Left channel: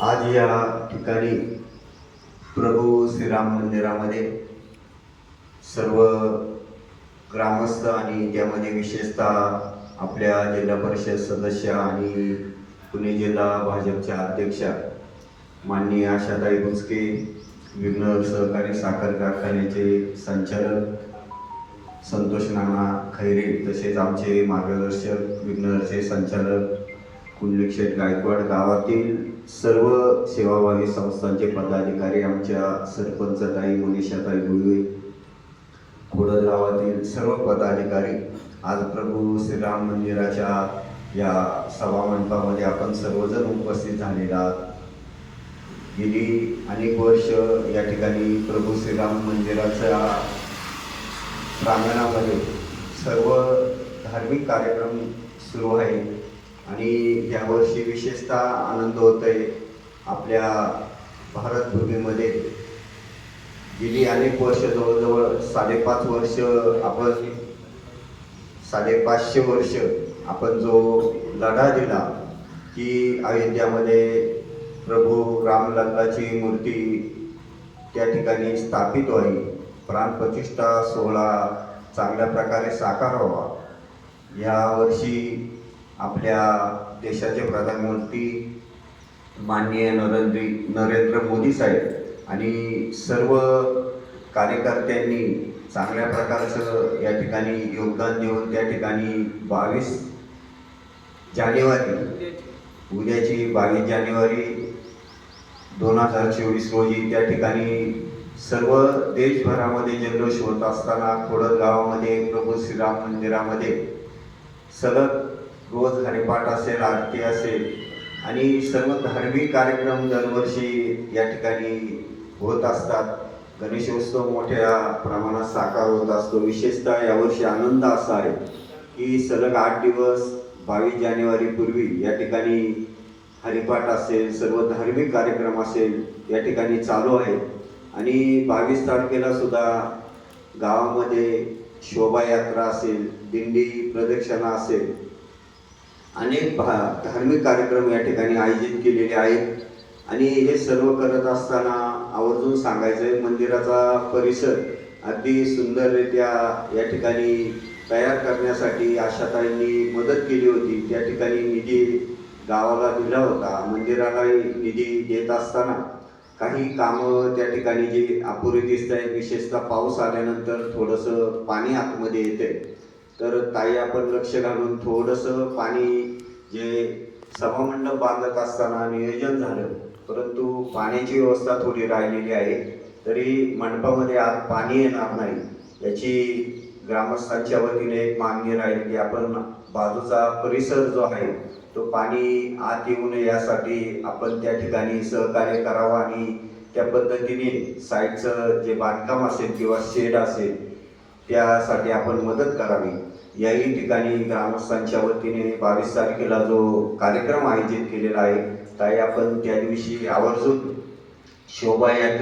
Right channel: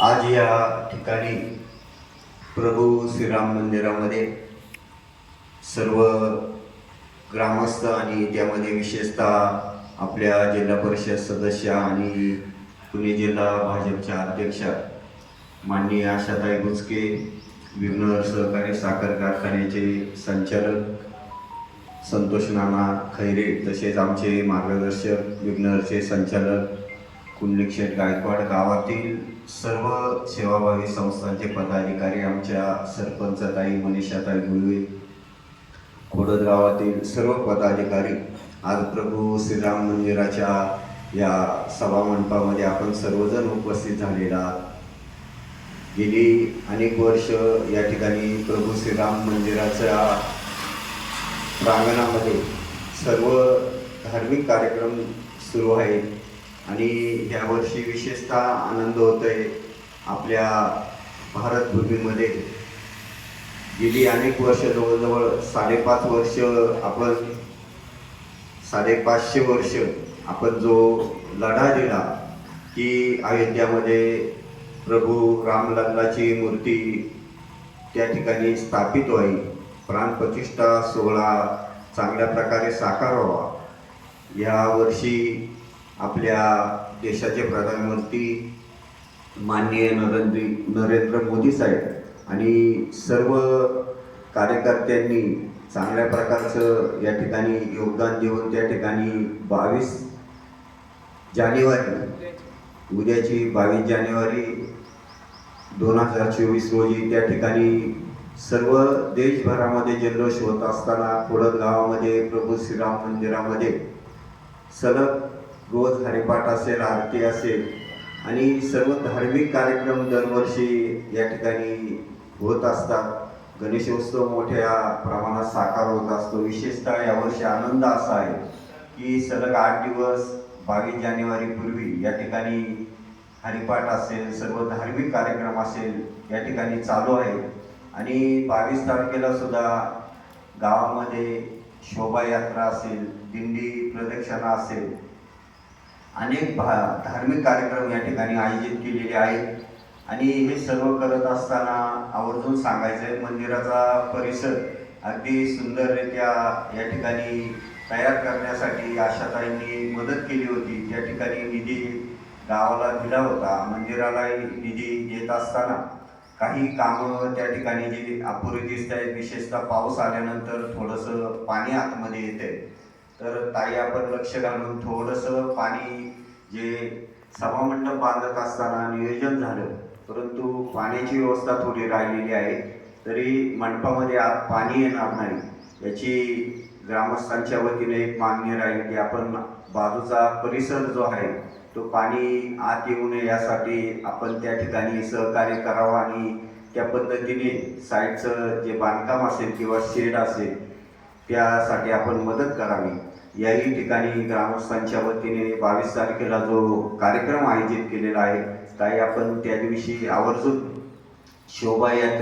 आज या ठिकाणी प्रभू श्रीराम मंदिरामध्ये सर्व ग्रामस्थ आणि त्यामध्ये विशेषतः आपल्या जिल्हा परिषद सदस्य आणि पुणे जिल्हा भाजपच्या अध्यक्षा माननीय आशाताई भुसके विघ्नर सहकारी साखर कारखान्याचे संचालक संतोष नाना खैरे तसेच आमचे मार्गदर्शक विघ्नरचे संचालक कुंडलिक्षेत गायकवाड गावातील सर्व सेवाभावी संस्थांचे पदाधिकारी आमच्या सरपंचताई मनीषाताई गुळवे खोडद गावातील सर्व पदाधिकारी आज प्रभू श्रीराम मंदिराच्या या सभा मंडपामध्ये आपण सर्वजण उपस्थित झालेला आहात. गेली अनेक वर्ष या ठिकाणी प्रभू श्रीराम मंदिराच्या प्रांगणामध्ये सर्व धार्मिक कार्यक्रम सुरू आहेत आणि यावर्षी विशेषतः आनंद होतोय आपल्या भारतभूमीमध्ये. गेली अनेक वर्ष जवळजवळ साडेपाच वर्ष आपण साडेपाचशे वर्ष आपण जो लढा दिला की अयोध्यामध्ये प्रभू रामलल्लाची मूर्ती त्या ठिकाणी स्थापित व्हावी. प्राणप्रतिष्ठा सोहळा चांगल्या प्रकारे साकार व्हावा. यावर्षी आपल्या देशाचे प्रधानमंत्री माननीय नरेंद्र नरेंद्र मोदी साहेब आणि सर्व कार्यकर्त्यांनी चांगल्या प्रकारचं या ठिकाणी योगदान देऊन त्या ठिकाणी बावीस जानेवारी उद्याची बावीस जानेवारी दोन हजार चोवीस रोजी त्या ठिकाणी सर्व देशभरामध्ये जल्लोष होत असताना खोडद गावामध्ये प्रभू श्रीराम मंदिरामध्ये सलग रोज हरिपाठ असेल आरती असेल आणि सर्व धार्मिक कार्यक्रम दरवर्षी या ठिकाणी होत असतात. गणेशोत्सव मोठ्या प्रमाणात साकार होत असतो. विशेषतः यावर्षी आनंद असा आहे की सलग आठ दिवस बावीस जानेवारीपूर्वी या ठिकाणी हरिपाठ असेल सर्व धार्मिक कार्यक्रम असेल या ठिकाणी चालू आहे. आणि बावीस तारखेला सुद्धा गावामध्ये शोभायात्रा असेल दिंडी प्रदक्षिणा असेल अनेक भा धार्मिक कार्यक्रम या ठिकाणी आयोजित केलेले आहेत. आणि हे सर्व करत असताना आवर्जून सांगायचं आहे मंदिराचा परिसर अगदी सुंदररित्या या ठिकाणी तयार करण्यासाठी आशाताईंनी मदत केली होती. त्या ठिकाणी निधी गावाला दिला होता. मंदिरालाही निधी देत असताना काही कामं त्या ठिकाणी जी अपुरी दिसत आहेत विशेषतः पाऊस आल्यानंतर थोडंसं पाणी आतमध्ये येते तर ताई आपण लक्ष घालून थोडंसं पाणी जे सभामंडप बांधत असताना नियोजन झालं परंतु पाण्याची व्यवस्था थोडी राहिलेली आहे तरी मंडपामध्ये आत पाणी येणार नाही. याची ग्रामस्थांच्या वतीने एक मागणी राहील की आपण बाजूचा परिसर जो आहे तो पाणी आत येऊ नये यासाठी आपण त्या ठिकाणी सहकार्य करावं आणि त्या पद्धतीने साईडचं जे बांधकाम असेल किंवा शेड असेल त्यासाठी आपण मदत करावी. याही ठिकाणी ग्रामस्थांच्या वतीने बावीस तारखेला जो कार्यक्रम आयोजित केलेला आहे काही आपण त्या दिवशी आवर्जून शोभायात्रे